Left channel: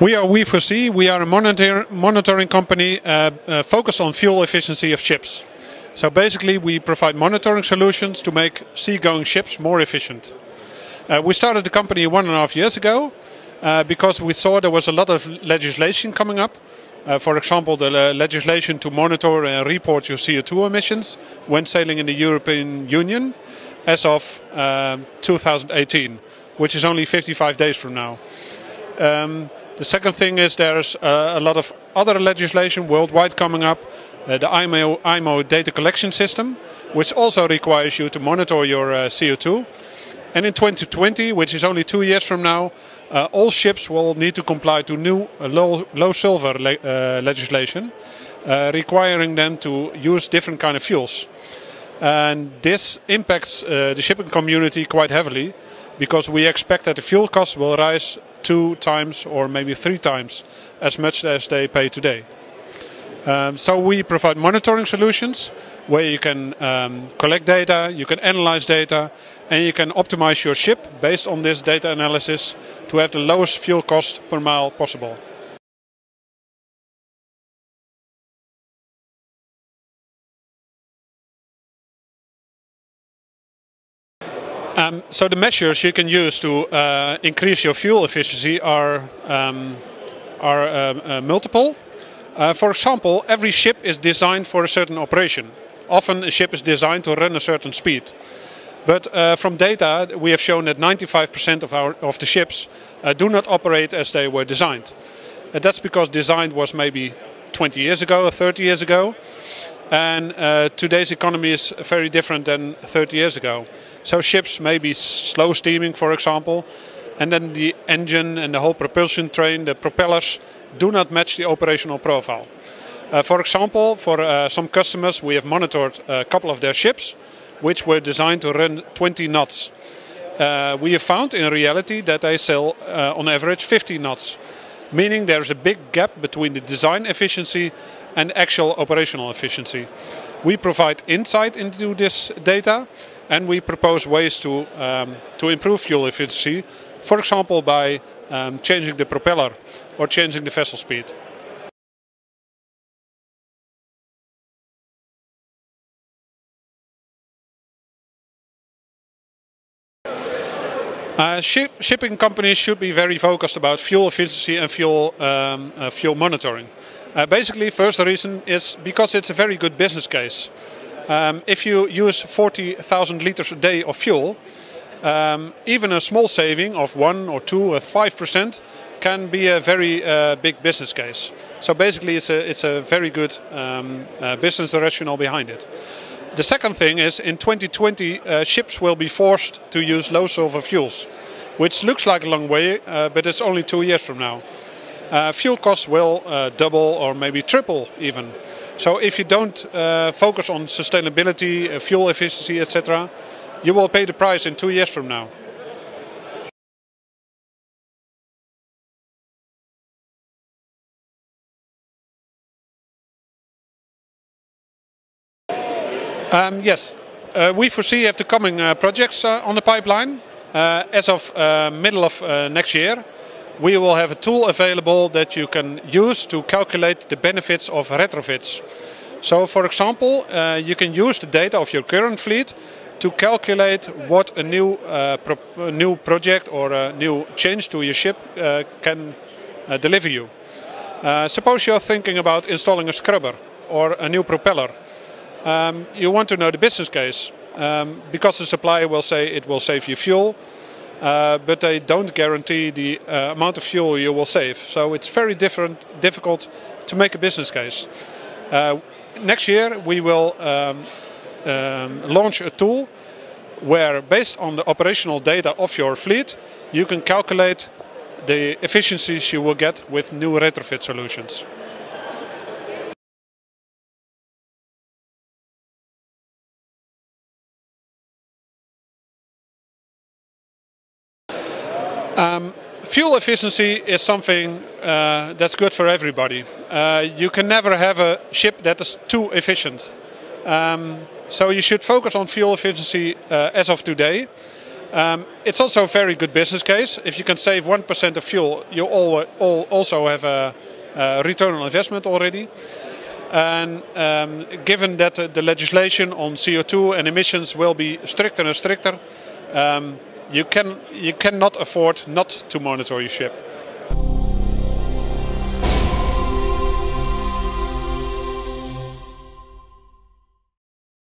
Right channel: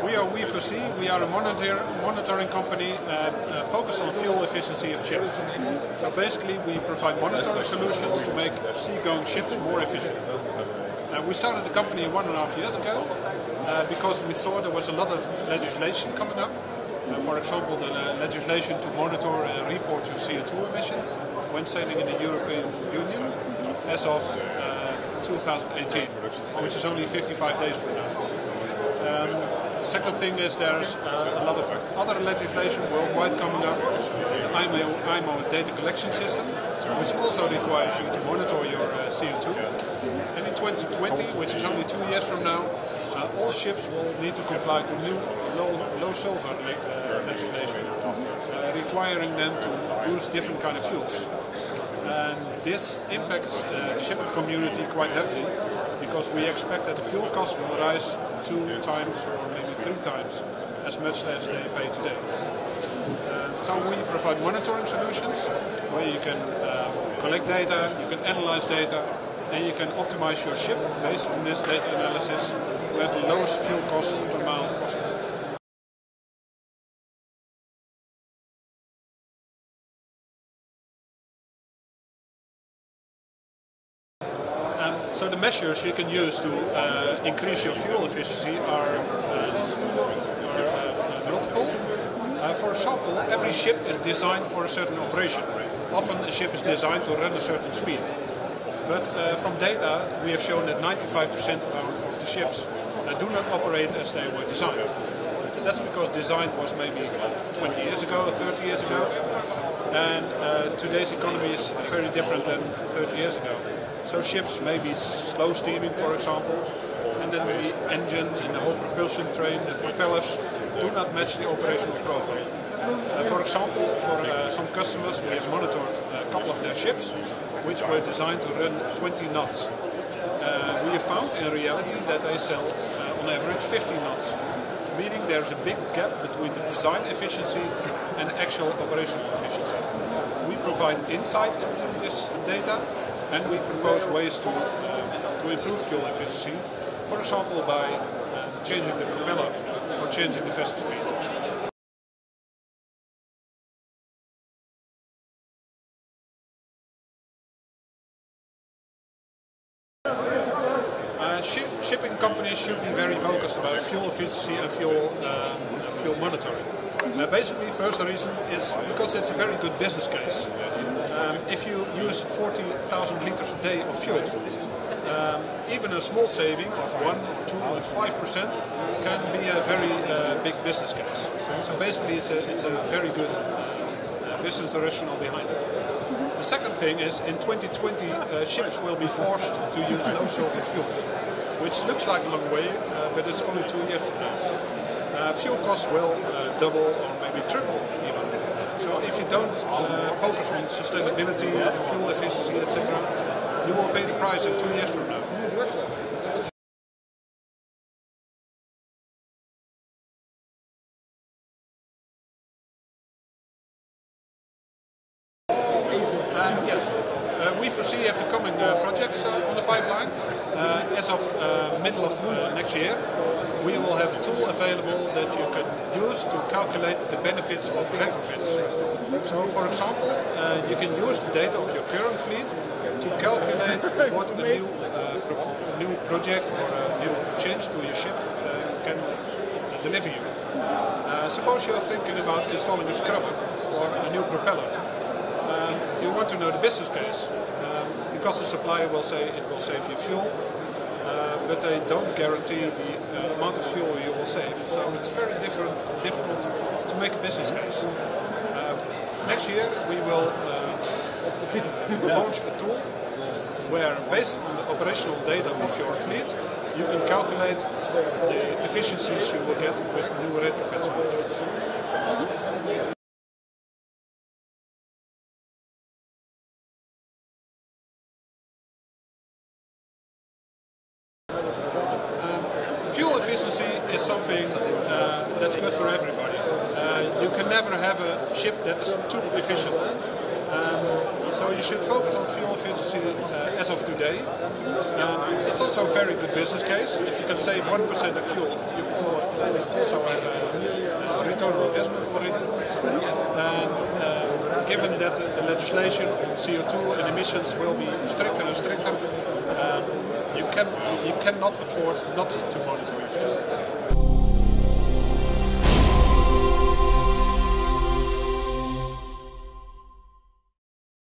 We are We4C. We are a monitoring company focused on fuel efficiency of ships. So basically we provide monitoring solutions to make seagoing ships more efficient. We started the company 1.5 years ago because we saw there was a lot of legislation coming up. For example, the legislation to monitor and report your CO2 emissions when sailing in the European Union as of 2018, which is only 55 days from now. The second thing is there's a lot of other legislation worldwide coming up. The IMO data collection system, which also requires you to monitor your CO2. And in 2020, which is only 2 years from now, all ships will need to comply to new low sulfur legislation, requiring them to use different kind of fuels. And this impacts the shipping community quite heavily, because we expect that the fuel costs will rise 2 times or maybe 3 times as much as they pay today. So we provide monitoring solutions where you can collect data, you can analyze data, and you can optimize your ship based on this data analysis to have the lowest fuel cost per mile possible. So the measures you can use to increase your fuel efficiency are multiple. For example, every ship is designed for a certain operation. Often a ship is designed to run a certain speed. But from data we have shown that 95% of the ships do not operate as they were designed. And that's because design was maybe 20 years ago or 30 years ago. And today's economy is very different than 30 years ago. So ships may be slow steaming, for example, and then the engine and the whole propulsion train, the propellers, do not match the operational profile. For example, for some customers we have monitored a couple of their ships which were designed to run 20 knots. We have found in reality that they sail on average 50 knots, meaning there's a big gap between the design efficiency and actual operational efficiency. We provide insight into this data and we propose ways to improve fuel efficiency, for example by changing the propeller or changing the vessel speed. Shipping companies should be very focused about fuel efficiency and fuel monitoring. Basically, first reason is because it's a very good business case. If you use 40,000 liters a day of fuel, even a small saving of 1 or 2 or 5% can be a very big business case. So basically it's a very good business rationale behind it. The second thing is in 2020 ships will be forced to use low sulfur fuels, which looks like a long way, but it's only 2 years from now. Fuel costs will double or maybe triple even. So if you don't focus on sustainability, fuel efficiency, etc., you will pay the price in 2 years from now. Yes, We4C have the coming projects on the pipeline. As of middle of next year, we will have a tool available that you can use to calculate the benefits of retrofits. So, for example, you can use the data of your current fleet to calculate what a new project or a new change to your ship can deliver you. Suppose you're thinking about installing a scrubber or a new propeller. You want to know the business case, because the supplier will say it will save you fuel, but they don't guarantee the amount of fuel you will save. So it's very difficult to make a business case. Next year we will launch a tool where, based on the operational data of your fleet, you can calculate the efficiencies you will get with new retrofit solutions. Fuel efficiency is something that's good for everybody. You can never have a ship that is too efficient. So you should focus on fuel efficiency as of today. It's also a very good business case. If you can save 1% of fuel, you also have a return on investment already. And given that the legislation on CO2 and emissions will be stricter and stricter, you cannot afford not to monitor your ship.